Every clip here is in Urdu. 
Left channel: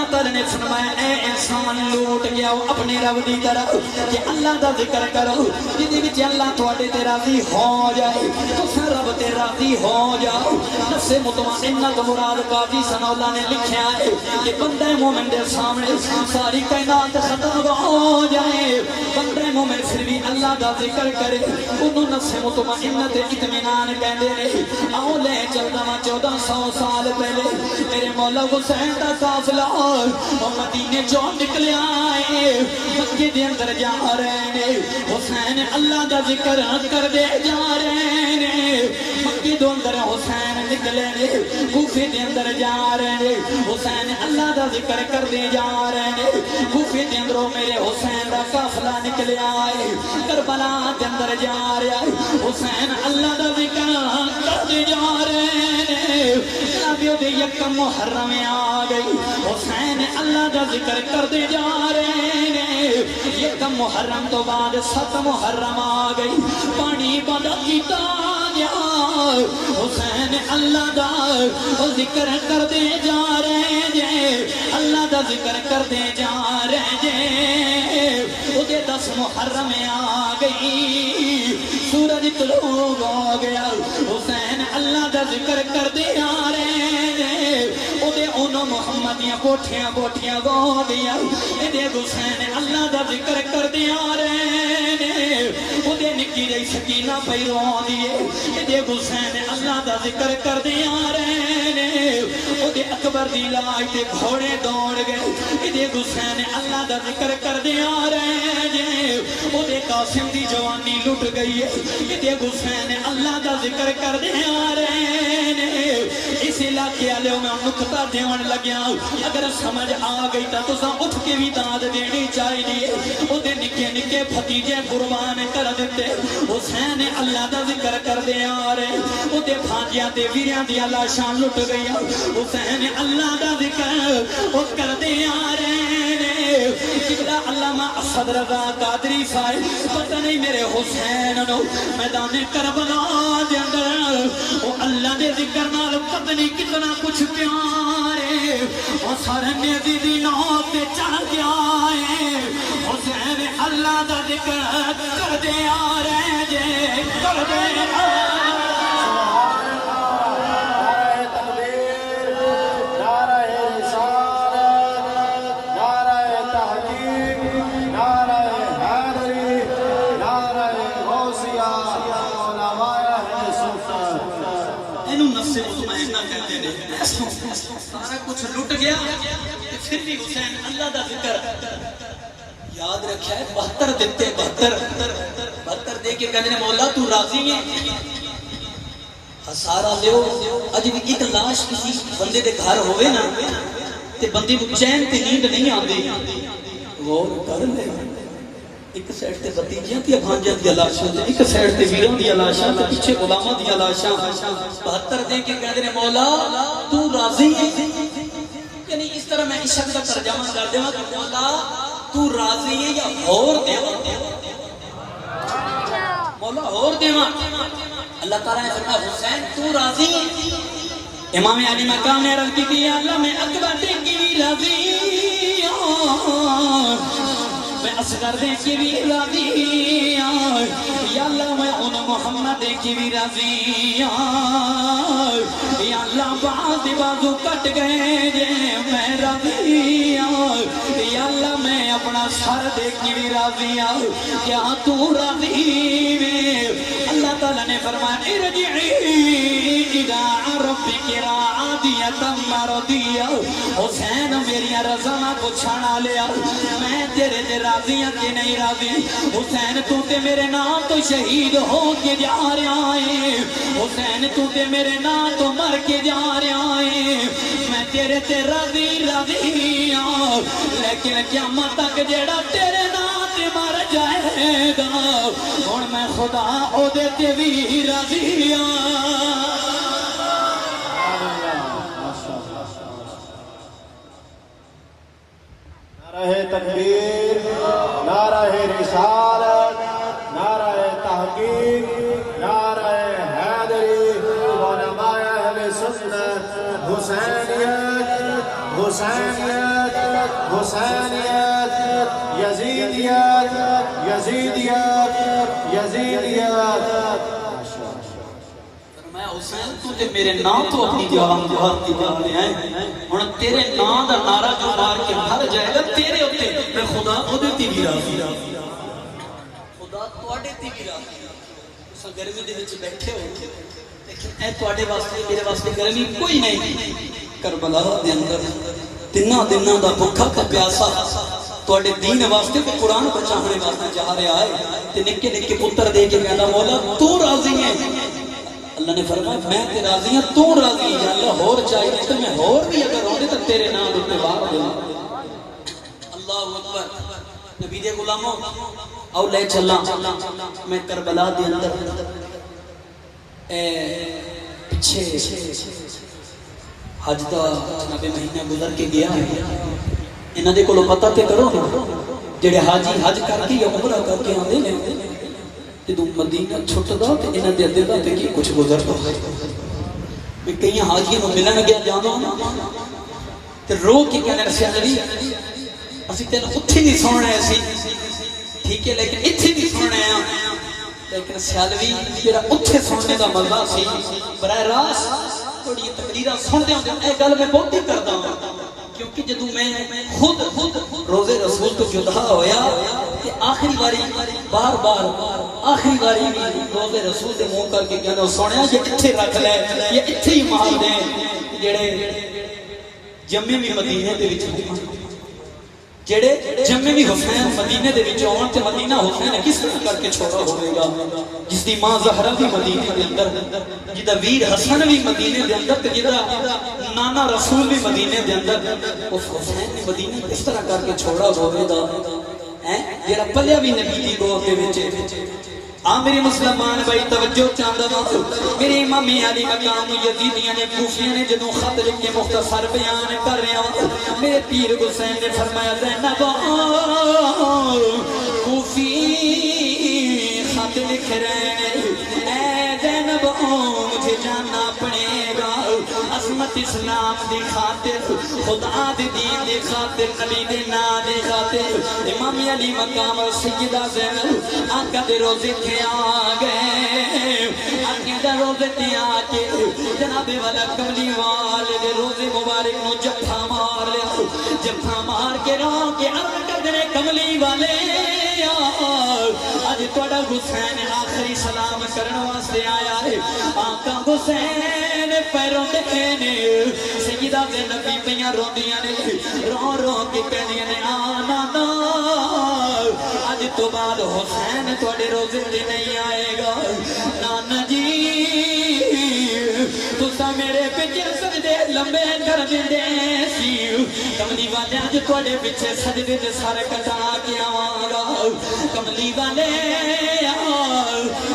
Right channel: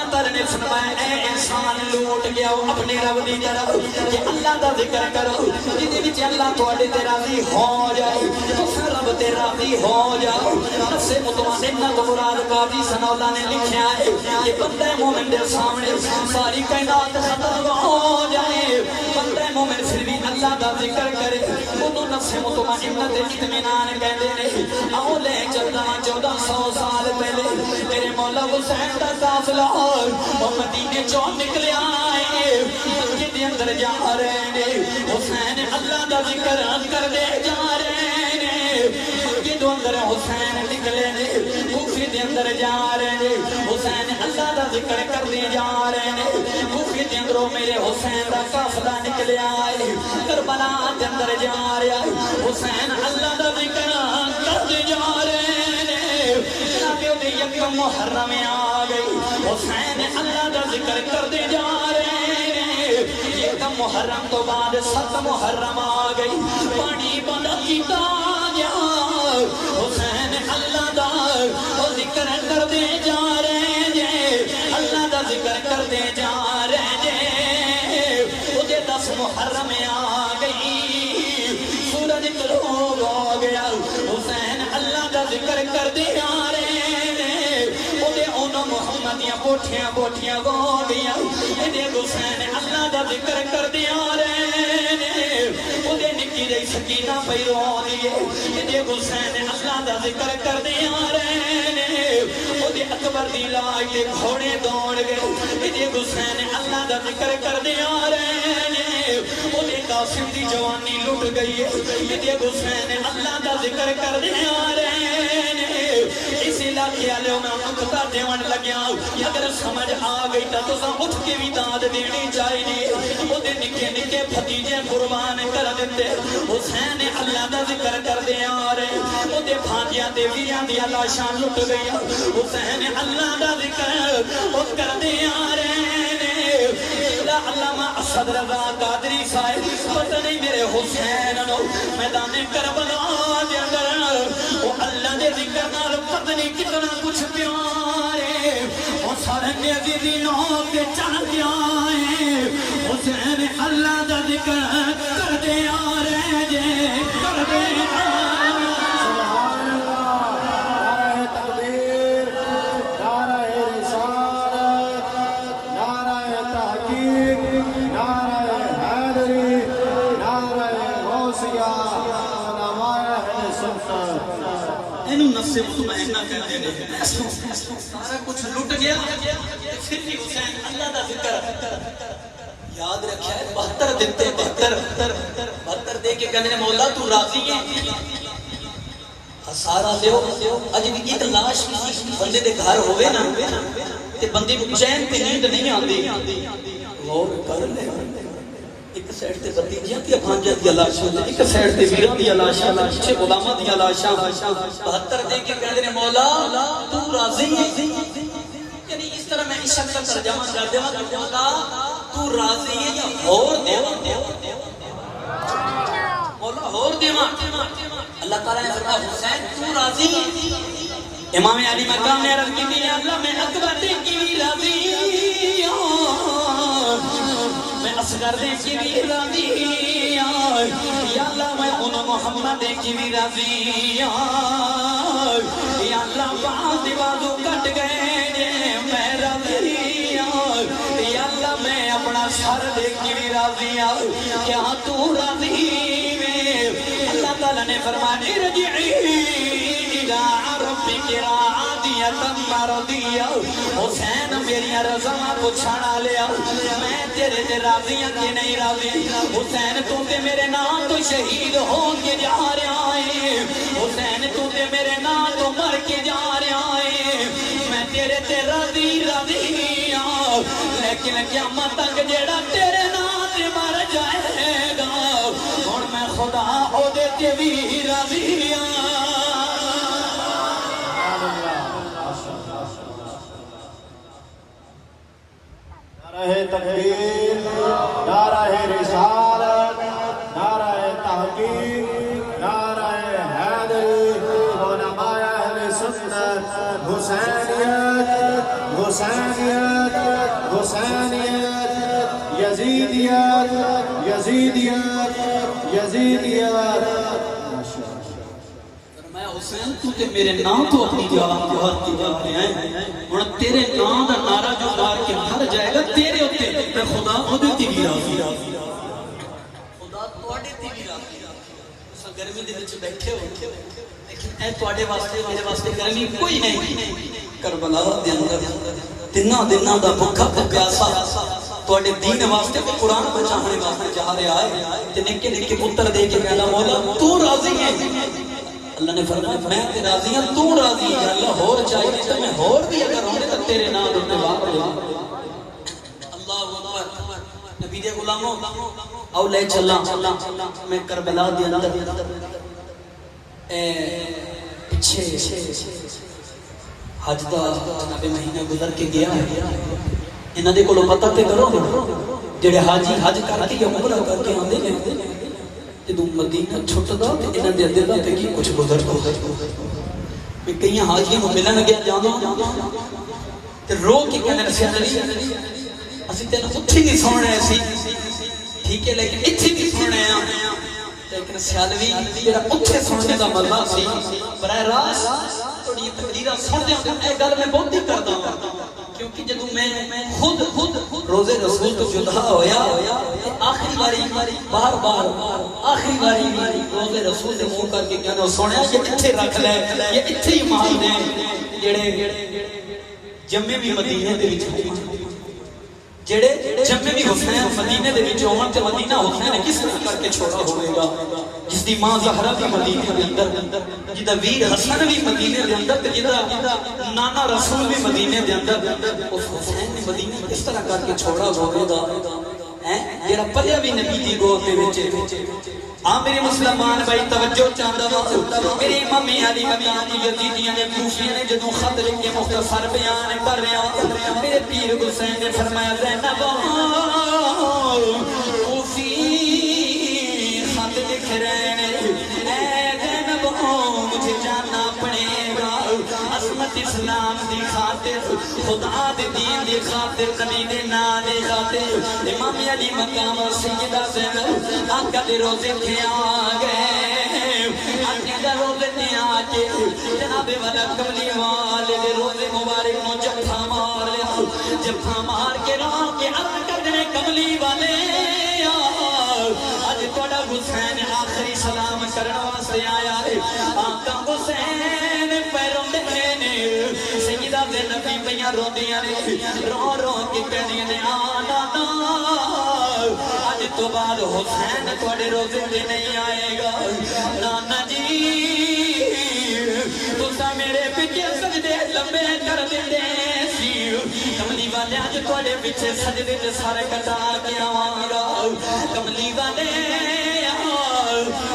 اللہ تعالی نے فرمایا اے انسان لوٹ گیا وہ اپنے رب دی طرف کہ اللہ دا ذکر کرو جدے وچ اللہ تواڈے تے راضی ہو جائے پھر رب تے راضی ہو جاؤ نفس مطمئنہ تو مراد قاضی سمولا نے لکھیا ہے کہ بندے مومن دے سامنے ساری کائنات ختم ہو جائے بندے مومن پھر بھی اللہ دا ذکر کرے انہوں نفس مطمئنہ تے اطمینان کہندے نے آؤ لے چلنا 1400 سال پہلے میرے مولا حسین دا قافلہ اور مدینے جو نکلے آئے مکے دے اندر جا رہے نے حسین اللہ دا ذکر کر دے جا رہے نے مکے دے اندر حسین نکلے نے کوفے دے اندر جا رہے نے حسین اللہ دا ذکر کر دے جا رہے نے کوفے دے اندر میرے حسین دا قافلہ نکلے آئے کربلا دے اندر جا رہا حسین اللہ دا ذکر کر دے جا رہے یکم محرم آ گئی حسین اللہ دا ذکر کر دے جا رہے ہیں یکم محرم تو بعد 7 محرم آ گئی پانی بدا کیتا گیا حسین اللہ دا ذکر کر دے جا رہے ہیں اللہ دا ذکر کر دے جا رہے ہیں مجھے 10 محرم آ گئی سورج طلوع ہو گیا حسین اللہ دا ذکر کر دے جا رہے بوٹیاں بوٹیاں گو دیا یہ حسین اللہ دا ذکر کر دیا رہے وہ نکی دے سکینہ پہ رو دیے یہ حسین اللہ دا ذکر کر دیا رہے وہ اکبر دی لاج کے گھوڑے دوڑ گئے یہ حسین اللہ دا ذکر کر دیا رہے وہ قاسم دی جوانی لٹ گئی یہ حسین اللہ دا ذکر کر دیا رہے اس علاقے والے میں نقطہ دیون لگیا اگر سمجھ آ گئی تو تساں اٹھ کے بھی داد دینی چاہیے وہ نکے نکے بھتیجے قربان کر دیتے حسین اللہ دا ذکر کر دے آ رہے وہ بھاجیاں تے ویریاں دی لاشاں لٹ گئی حسین اللہ دا ذکر وہ کر دے آ رہے علامہ اسد رضا قادری صاحب پتہ نہیں میرے حسین نو میدان کربلا دے اندر وہ اللہ دے ذکر نال پتہ نہیں کتنا کچھ پیارے اور سارے نبی دی نو پہ چڑھ گیا ہے حسین اللہ دا ذکر کر دے آ رہے جے کر دے آ سارا کچھ لٹ گیا پھر بھی حسین اللہ دا ذکر یاد رکھا ہے 72 دیتے 72 دے کے کہنے مولا تو راضی ہے سارا دیو اج بھی کی تلاش بندے دے گھر ہوئے نا تے بندی کو چین تے نیند نہیں آندی غور کر لے ایک سائیڈ تے بھتیجیاں تے بھانجے دی لاشاں ایک سائیڈ تے ویراں دی لاشاں پیچھے غلاماں دی لاشاں 72 دے کے کہنے مولا تو راضی ہے یعنی اس طرح میں عشق کا ترجمہ کر دیا کہ مولا تو راضی ہے یا اور دیوا مولا اور دیوا اللہ تعالیٰ نے فرمایا حسین تو راضی ہے امام علی مقام نے عرض کی اللہ میں اکبر کی بھی راضی میں اصغر کی بھی راضی یا اللہ میں محمد کی بھی راضی یا اللہ بعض بازو کٹ گئے میں راضی یا اللہ میں اپنا سر دے کے بھی راضی کیا تو راضی اللہ تعالیٰ نے فرمایا ارجعی الی ربک راضیۃ مرضیہ حسین میری رضا کو چھڑا لیا میں تیرے میں راضی کہ نہیں راضی حسین تو تے میرے نام تو شہید ہو کے جا رہا ہے حسین تو تے میرے نام تو مر کے جا رہا ہے میں تیرے تے راضی لیکن قیامت تک جڑا تیرے نام مر جائے گا ہن میں خدا او دے تے وی راضی نعرہ تکبیر نعرہ رسالت نعرہ تحقیق نعرہ حیدری علماء اہل سنت حسینیت حسینیت حسینیت یزیدیت یزیدیت یزیدیت میں حسین تو تے میرے نام تو اپنی جان دے ہیں ہن تیرے نام دا نعرہ جو مار کے مر جائے گا تیرے اوتے تے خدا خود تے بھی راضی خدا تواڈے تے بھی راضی اس گرمی دے وچ بیٹھے ہو اے تواڈے واسطے میرے واسطے گرمی کوئی نہیں کربلا دے اندر تناں دناں دا بھوکا تے پیاسا تواڈے دین واسطے تے قرآن پڑھانے واسطے جا رہا ہے تے نکے نکے پتر دے کے کہندا مولا تو راضی ہے اللہ نے فرمایا میں تے راضی ہوں تو راضی ہے اللہ اور چاہیے تے میں اور بھی اگر ہونے تے تیرے نام دے میں واہ اللہ اکبر نبی دے غلاموں او لے چلا میں کربلا دے اندر پیچھے حج دا جناب مہینہ گزر کے گیا انہاں دے کولوں پتہ تے کرو جڑے حاجی حج کر کے عمرہ کر کے آندے نے تے تو مدینہ چھوٹا تو انہاں دے دل تے کی کچھ گزر تو میں کئی حاجی نوں ملن گیا جاندو تے رو کے کہن سے علی اسی تینوں اوتھے نہیں سننا ہے سی ٹھیک ہے لیکن ایتھے بھی سننا ہے لیکن سیالوی جڑا اوتھے سننے دا مزہ سی براہ راست تھوڑی تقریراں سننے اے گل میں بہت ہی کردا ہوں کیونکہ جدوں میں خود روزے رسول تو جدا ہویا تے آخری باری بار بار آخری باری روزے رسول دے منہ کر کے کہنا سنیا یہ ایتھے رکھ لے یہ ایتھے ہی مار دے جڑے جمے بھی مدینے دے وچ جڑے جمے بھی حسین مدینے دے وچ ہون تے مدینہ حسین کس طرح کر کے چھوڑا ہوئے گا جس دی ماں زہرا بھی مدینے دے اندر جدا ویر حسن بھی مدینے دے اندر تے جدا نانا رسول بھی مدینے دے اندر اس حسین بھی مدینے کس طرح کر کے چھوڑا ہوئے گا ہیں جڑا پلیا بھی نبی دی گود دے وچ میرے مسلمان بھائی توجہ چاہتا میرے امام علی مقام یزیدیاں نے کوفیاں نے جدوں خط لکھ کے مختصر بیان کر رہا میرے پیر حسین نے فرمایا زینب کوفی خط لکھ رہے ہیں اے زینب مجھے جاننا پڑے گا عظمت اسلام دی خاطر خدا دے دین دی خاطر نبی دے نام دی خاطر امام علی مقام سیدہ زینب آقا دے روزے تے آ گئے آقا دے روزے تے آ کے جناب والا کملی والے دے روزے مبارک نو جفا مار کے رو کے آقا دے کملی والے آج توڑا حسین آخری سلام کرن واسطے آیا ہے آقا حسین پیروں دکھے نے سیدہ زینب بیاں روندیاں نے رو رو کے کہندیاں نے آنا آج تو بعد حسین تھوڑے روزے دے نہیں آئے گا نانا جی تسا میرے پیچھے سجدے لمبے کر دے سی کملی والے آج تھوڑے پیچھے سجدے دے سارے کٹا کے آواں گا کملی والے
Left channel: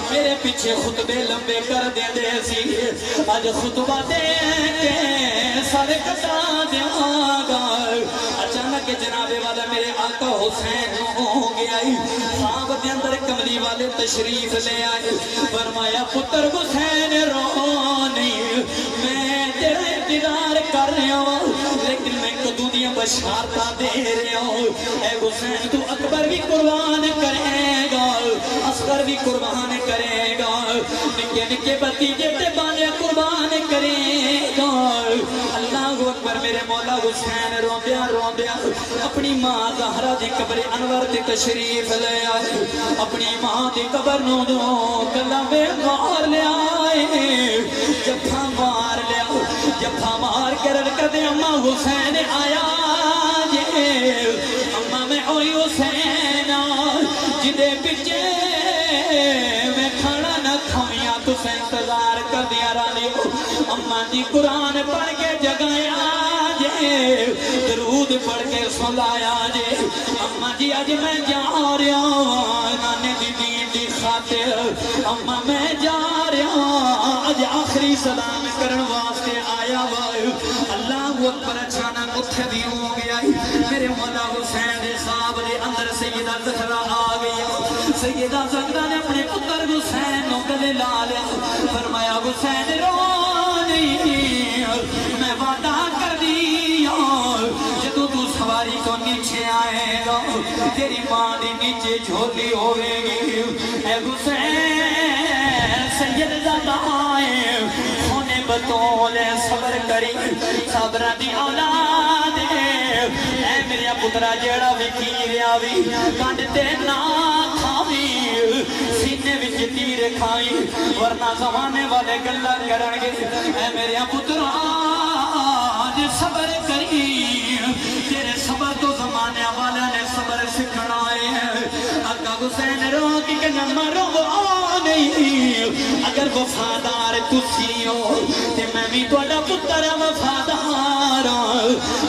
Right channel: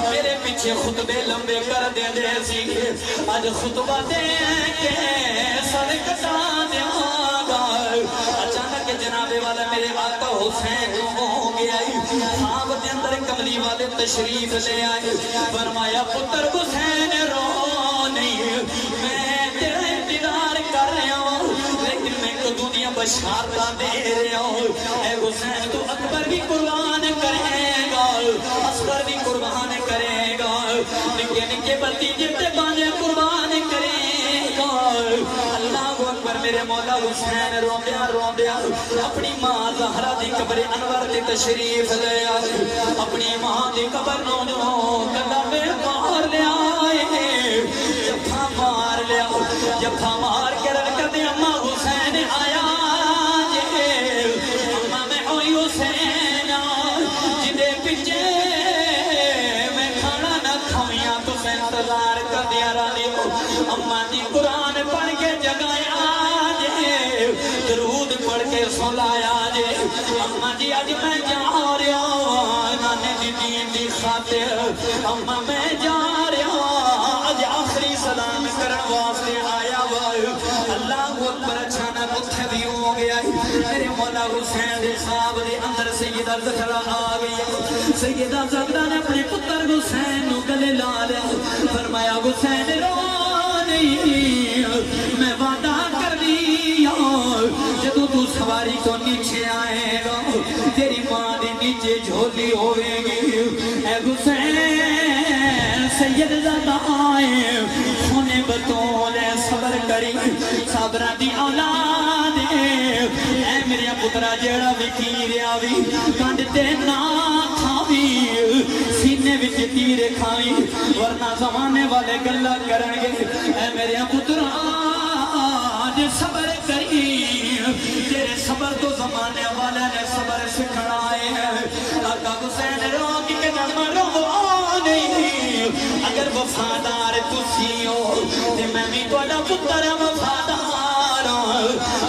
میرے پیچھے خطبے لمبے کر دے سی آج خطبہ دے سارے کٹا دیواں گا اچانک جناب والا میرے آقا حسین ہو گیا خواب کے اندر کملی والے تشریف لے آئے فرمایا پتر حسین رونی میں تیرا انتظار کر رہا ہوں لیکن میں تو دنیا بشارتا دے رہا ہوں اے حسین تو اکبر بھی قربان کرے گا اصغر بھی قربان کرے گا نکے نکے بتیجے تے بانے قربان کرے گا اللہ اکبر میرے مولا حسین روندیا اپنی ماں زہرا دے قبر انور تے تشریف لے آئے اپنی ماں دی قبر نو گلا میں مار لے آئے جفا مار کر کدے اماں حسین آیا جے اماں میں ہوئی حسین جدے پیچھے میں کھانا نہ کھویاں حسین تلوار کر دیا رانی اماں دی قرآن پڑھ کے جگایا جے درود پڑھ کے سلایا جے اماں جی اج میں جا رہا نانے دی دین دی خاطر اماں میں جا رہا اج آخری سلام کرن واسطے آیا اللہ اکبر اچانک اتھے بھی ہو گیا میرے مولا حسین دے خواب دے اندر سیدہ زہرا آ گئی سیدہ زہرا نے اپنے پتر حسین نو گلے لا لیا فرمایا حسین رو نہیں میں وعدہ کر دیا جھولی ہوے گی اے حسین سید زمائے سونے بطول صبر کری صبرہ دی اولاد اے میرے پترا جڑا وکیر آوی کنڈ تے نہ کھاوی سینے وچ تیر کھائی ورنہ زمانے والے گلا کرن گے اے میرے پترا صبر کری تیرے صبر تو زمانے والا نے صبر سکھڑائے ہے آقا حسین رو کی کہ میں مروں نہیں اگر وفادار تسی ہو تے میں بھی تھوڑا پتر وفادار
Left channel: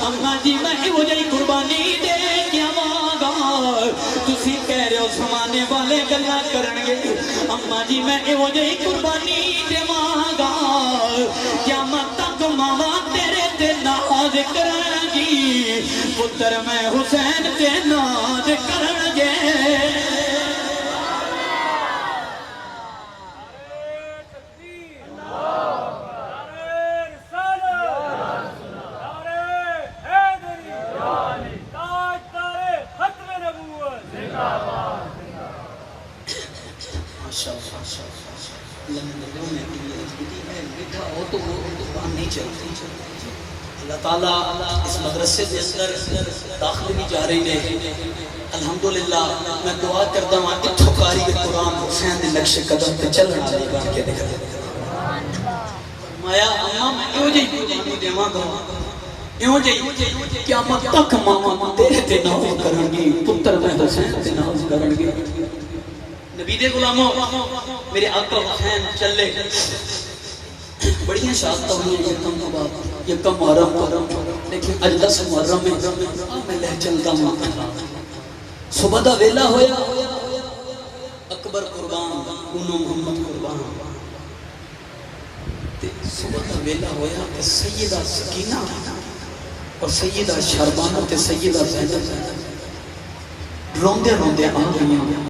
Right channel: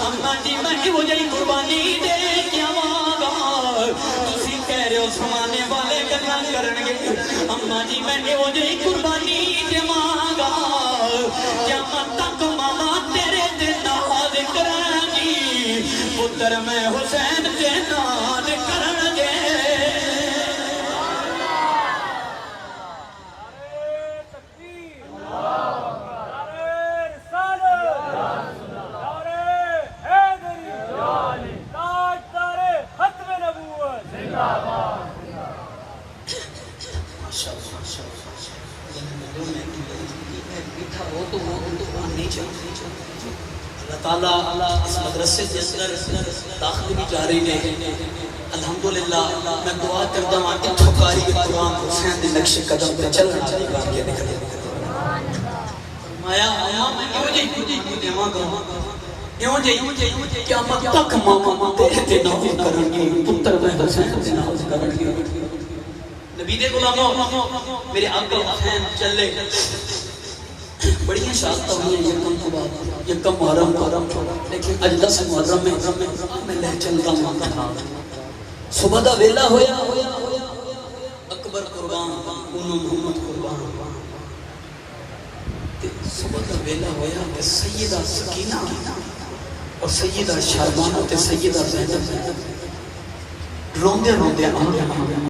اماں جی میں مجھے قربانی دے کے آواں تسی کہہ رہے ہو زمانے والے گلا کرن گے اماں جی میں مجھے قربانی دیواں قیامت تک ماما تیرے تے ناز کرن گی پتر میں حسین تے ناز کرن گے اللہ تعالیٰ اس مدرسے کے اندر داخل بھی جا رہی ہے الحمدللہ میں دعا کرتا ہوں کہ پکاری قرآن حسین نے نقش قدم پہ چل رہا ہے مار کے دکھا مایا اماں میں کیوں جی قربانی دیواں گا کیوں جی کیا میں تک ماما تیرے تے ناز کرن گی پتر میں حسین تے ناز کرن گی نبی دے غلاموں میرے آقا حسین چلے بڑی شادتہ ہوئی یکم تو بات یکم محرم لیکن اج 10 محرم میں لے چلتا ہوں صبح دا ویلا ہویا اکبر قربان محمد قربان صبح دا ویلا ہویا کہ سیدہ سکینہ اور سیدہ شہبانہ تے سیدہ زینب روندے روندے آ گئی